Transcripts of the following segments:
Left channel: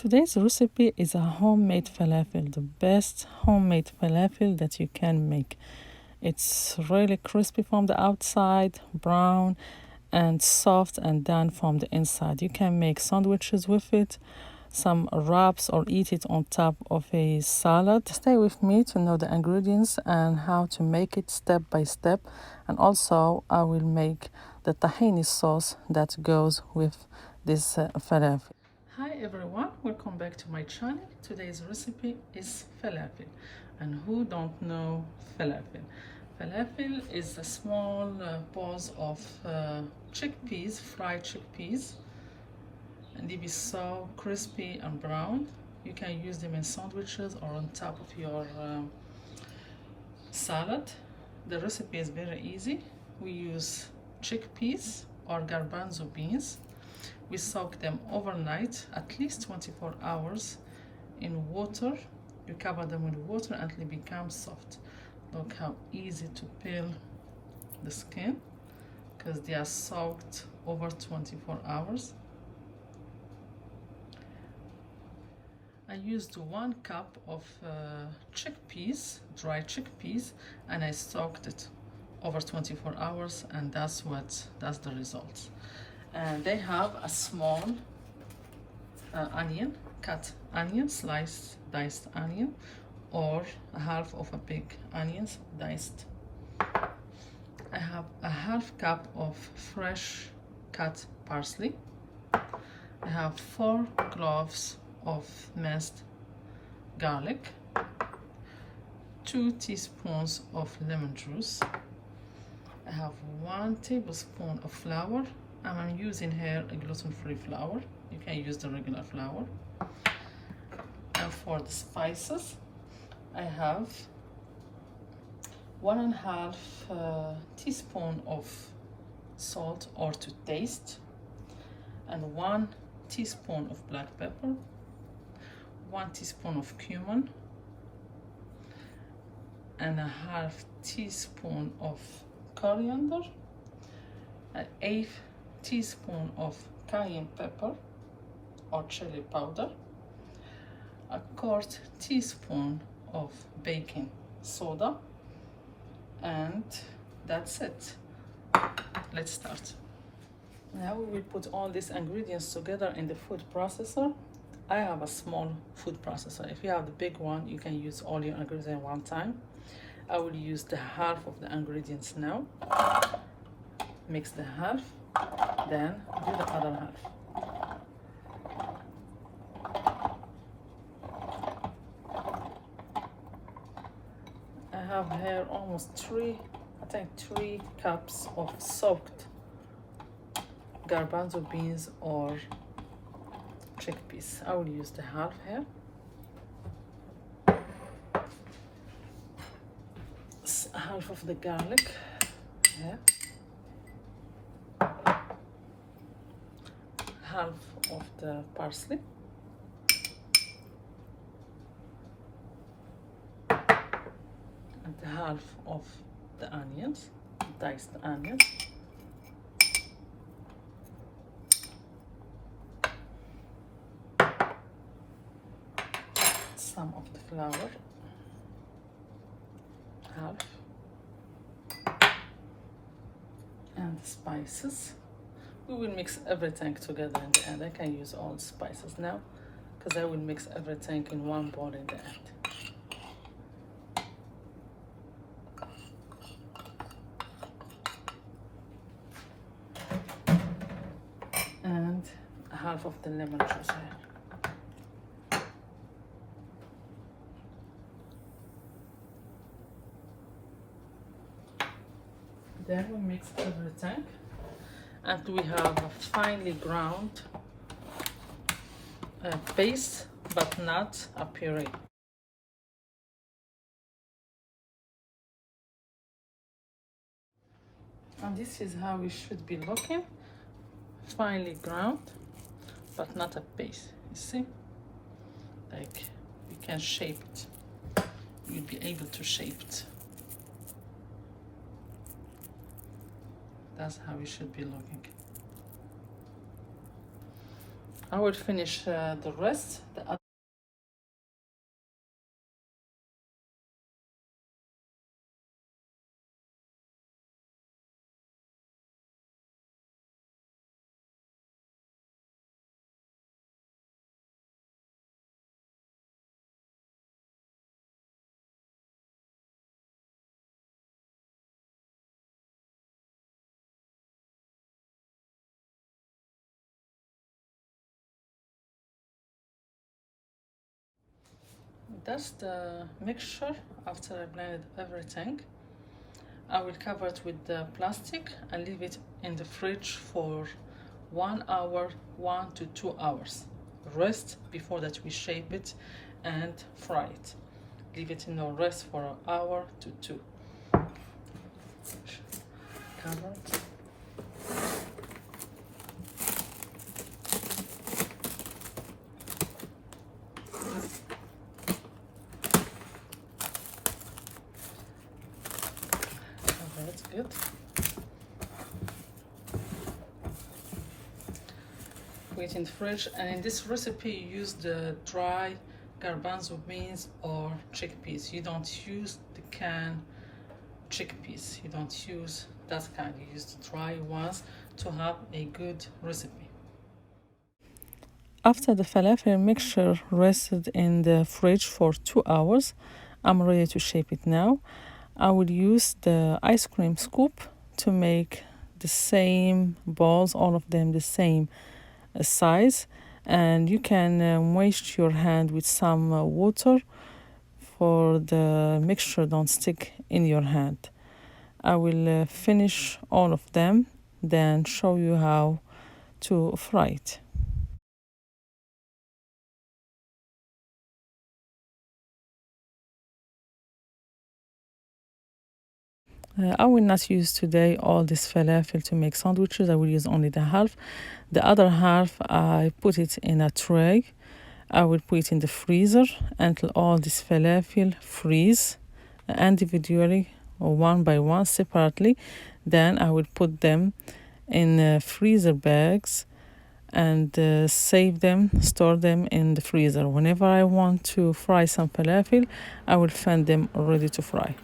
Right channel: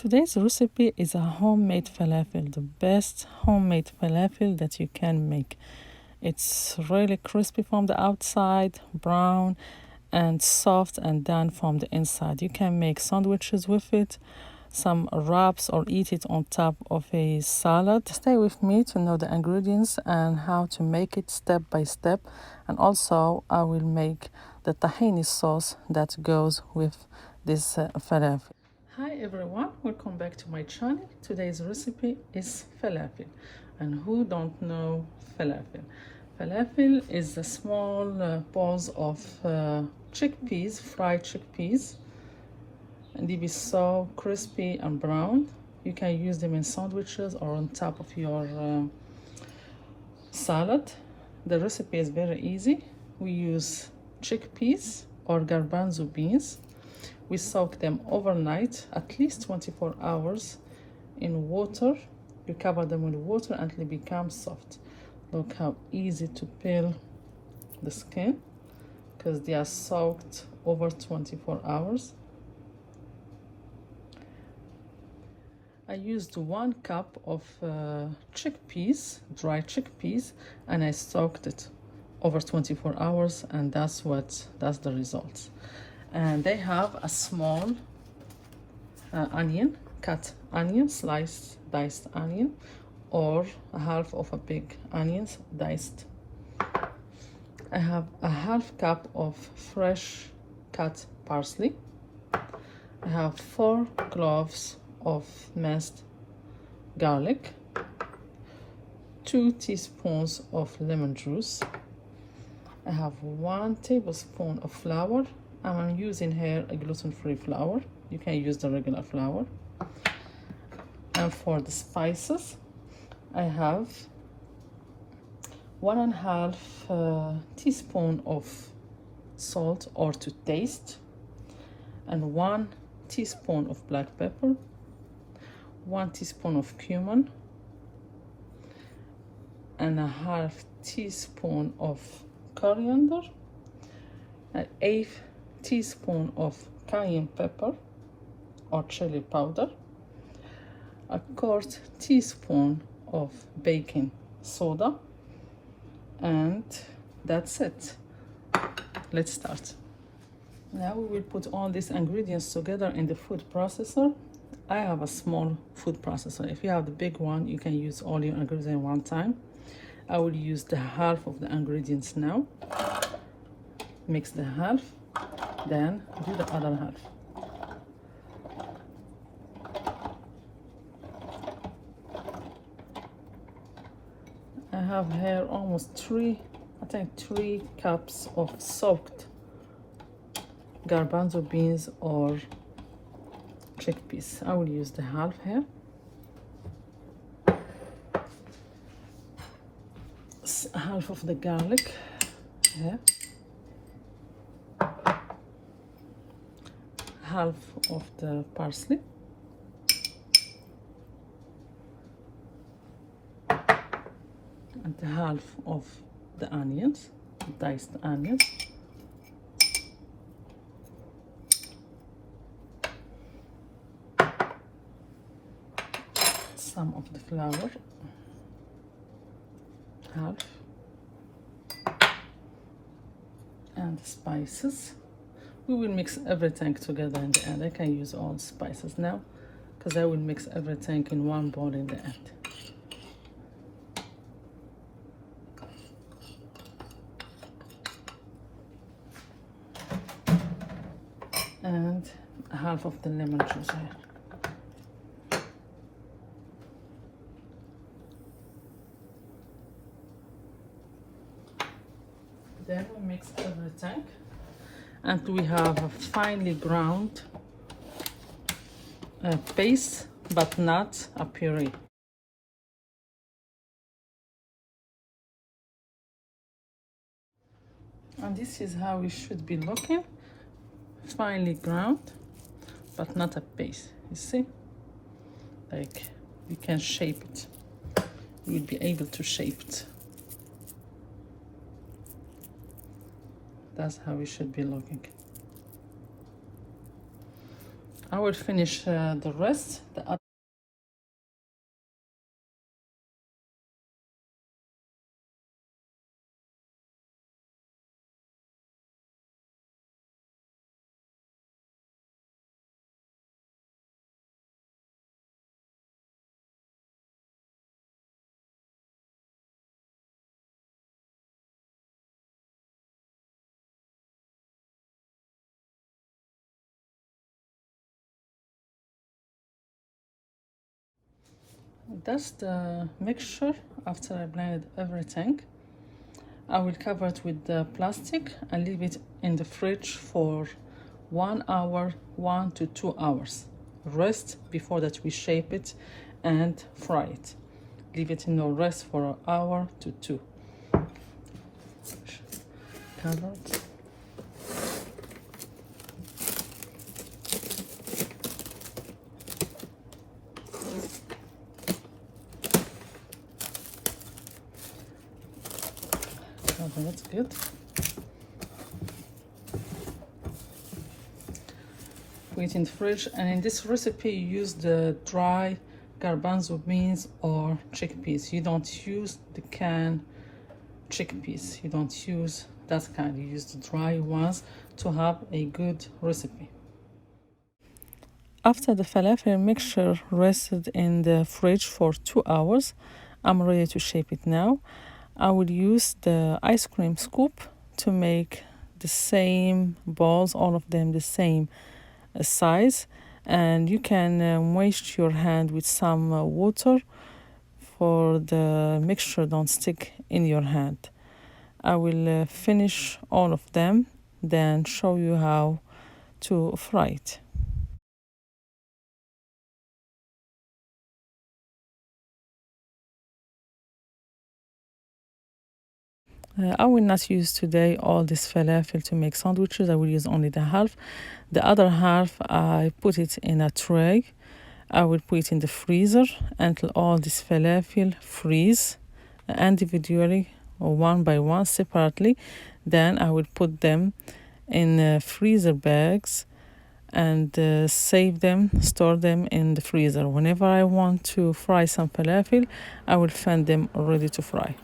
Today's recipe is a homemade falafel, the best homemade falafel that you can make. It's really crispy from the outside, brown, and soft and done from the inside. You can make sandwiches with it, some wraps, or eat it on top of a salad. Stay with me to know the ingredients and how to make it step by step. And also, I will make the tahini sauce that goes with this falafel. Hi everyone, welcome back to my channel. Today's recipe is falafel. And who don't know falafel? Falafel is the small balls of chickpeas, fried chickpeas. And they be so crispy and brown. You can use them in sandwiches or on top of your salad. The recipe is very easy. We use chickpeas or garbanzo beans. We soak them overnight, at least 24 hours in water. You cover them with water until they become soft. Look how easy to peel the skin because they are soaked over 24 hours. I used 1 cup of chickpeas, dry chickpeas, and I soaked it over 24 hours, and that's the result. And they have a small onion, cut onion, diced onion, or a half of a big onion, diced. I have a half cup of fresh cut parsley. I have 4 cloves of minced garlic, 2 teaspoons of lemon juice. I have 1 tablespoon of flour. I'm using here a gluten-free flour. You can use the regular flour. And for the spices, I have 1.5 teaspoon of salt or to taste, and 1 teaspoon of black pepper, 1 teaspoon of cumin, and a half teaspoon of coriander, and 1/8 teaspoon of cayenne pepper or chili powder, a 1/4 teaspoon of baking soda, and that's it. Let's start. Now we will put all these ingredients together in the food processor. I have a small food processor. If you have the big one, you can use all your ingredients one time. I will use the half of the ingredients now. Mix the half, then do the other half. I have here almost 3 cups of soaked garbanzo beans or chickpeas. I will use the half here. Half of the garlic here. Half of the parsley. And the half of the onions, diced onions. Some of the flour, half, and the spices. We will mix everything together in the end. I can use all spices now because I will mix everything in one bowl in the end. And half of the lemon juice here. Then we mix everything, and we have a finely ground paste, but not a puree. And this is how it should be looking. Finely ground, but not a paste. You see? Like, you can shape it. You will be able to shape it. That's how it should be looking. I will finish the rest. That's the mixture. After I blended everything, I will cover it with the plastic and leave it in the fridge for 1 hour, 1 to 2 hours. Rest before that we shape it and fry it. Leave it in no rest for an hour to two. Cover it. That's good. Put it in the fridge, and in this recipe you use the dry garbanzo beans or chickpeas. You don't use the canned chickpeas. You don't use that kind. You use the dry ones to have a good recipe. After the falafel mixture rested in the fridge for 2 hours, I'm ready to shape it now. I will use the ice cream scoop to make the same balls, all of them the same size, and you can wash your hand with some water for the mixture don't stick in your hand. I will finish all of them, then show you how to fry it. I will not use today all this falafel to make sandwiches. I will use only the half. The other half, I put it in a tray. I will put it in the freezer until all this falafel freeze individually or one by one separately. Then I will put them in freezer bags and save them, store them in the freezer. Whenever I want to fry some falafel, I will find them ready to fry.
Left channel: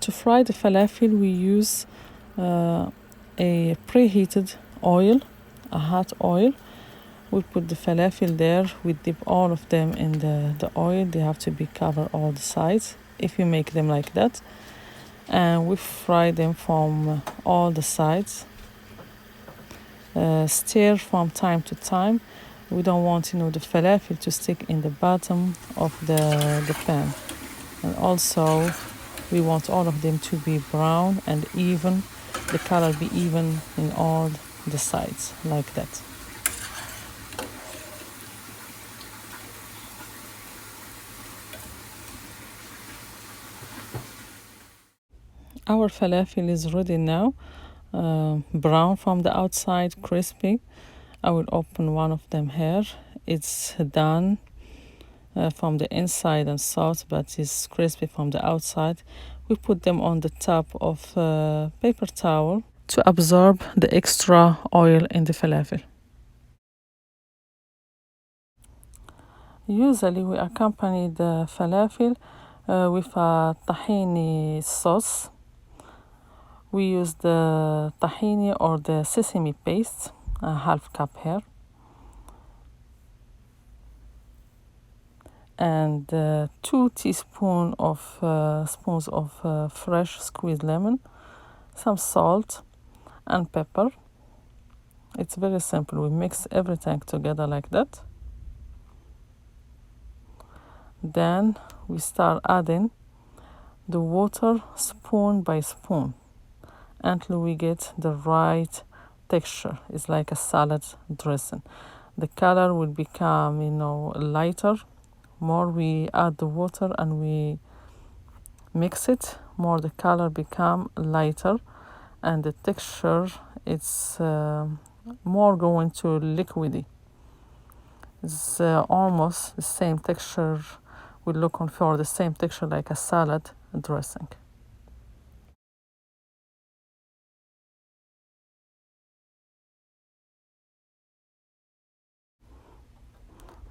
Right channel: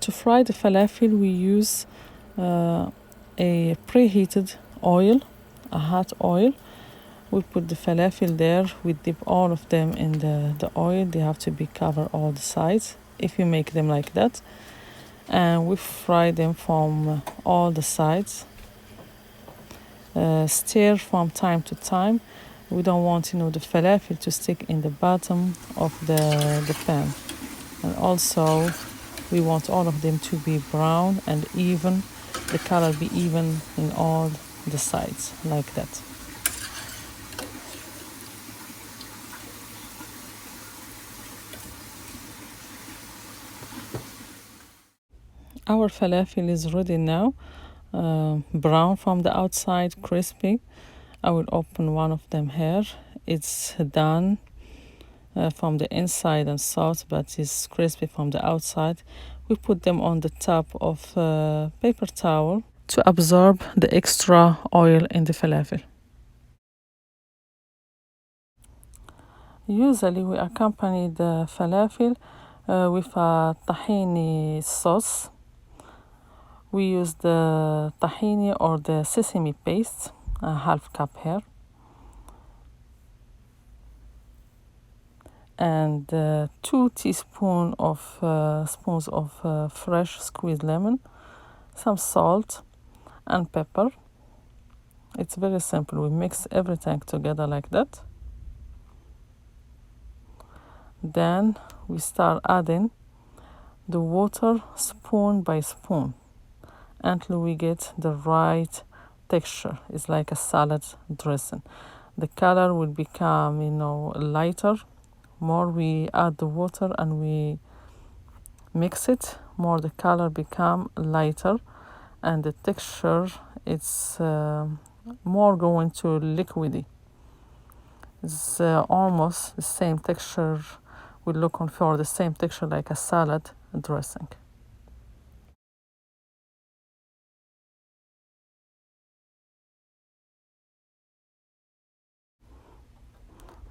To fry the falafel, we use a preheated oil, a hot oil. We put the falafel there. We dip all of them in the oil. They have to be covered all the sides if you make them like that. And we fry them from all the sides. Stir from time to time. We don't want, the falafel to stick in the bottom of the pan. And also, we want all of them to be brown and even, the color be even in all the sides, like that. Our falafel is ready now, brown from the outside, crispy. I will open one of them here. It's done from the inside and soft, but it's crispy from the outside. We put them on the top of a paper towel to absorb the extra oil in the falafel. Usually we accompany the falafel with a tahini sauce. We use the tahini or the sesame paste, a half cup here, and 2 teaspoons of fresh squeezed lemon, some salt and pepper. It's very simple. We mix everything together like that. Then we start adding the water spoon by spoon until we get the right texture. It's like a salad dressing. The color will become, lighter. More we add the water and we mix it, more the color become lighter, and the texture it's more going to liquidy. It's almost the same texture. We're looking for the same texture like a salad dressing.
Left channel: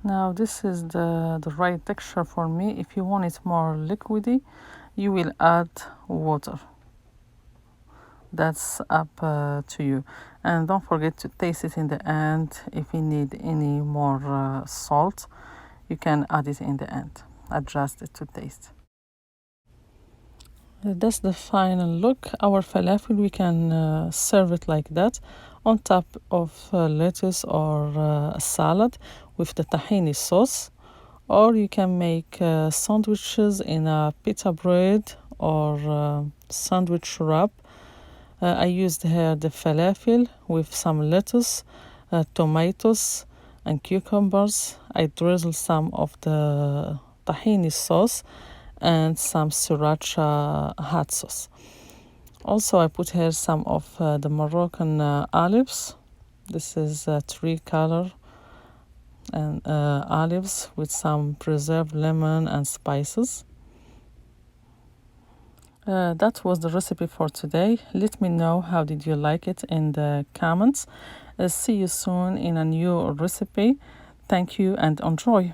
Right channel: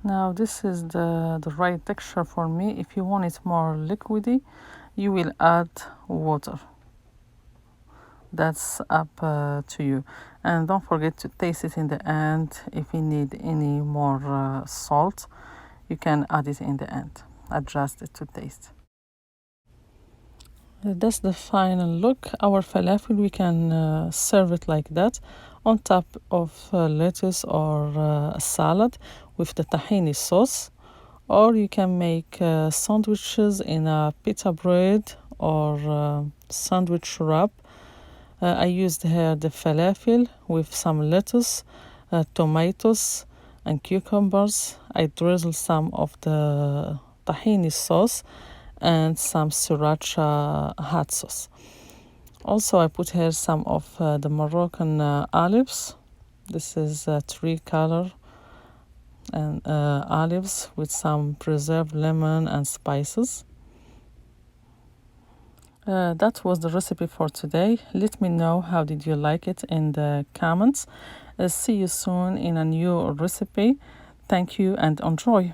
Now this is the right texture for me. If you want it more liquidy, you will add water. That's up to you. And don't forget to taste it in the end. If you need any more salt, you can add it in the end. Adjust it to taste. That's the final look. Our falafel, we can serve it like that on top of lettuce or a salad with the tahini sauce, or you can make sandwiches in a pita bread or sandwich wrap. I used here the falafel with some lettuce, tomatoes, and cucumbers. I drizzled some of the tahini sauce and some sriracha hot sauce. Also, I put here some of the Moroccan olives. This is 3 color and olives with some preserved lemon and spices. That was the recipe for today. Let me know how did you like it in the comments. See you soon in a new recipe. Thank you and enjoy.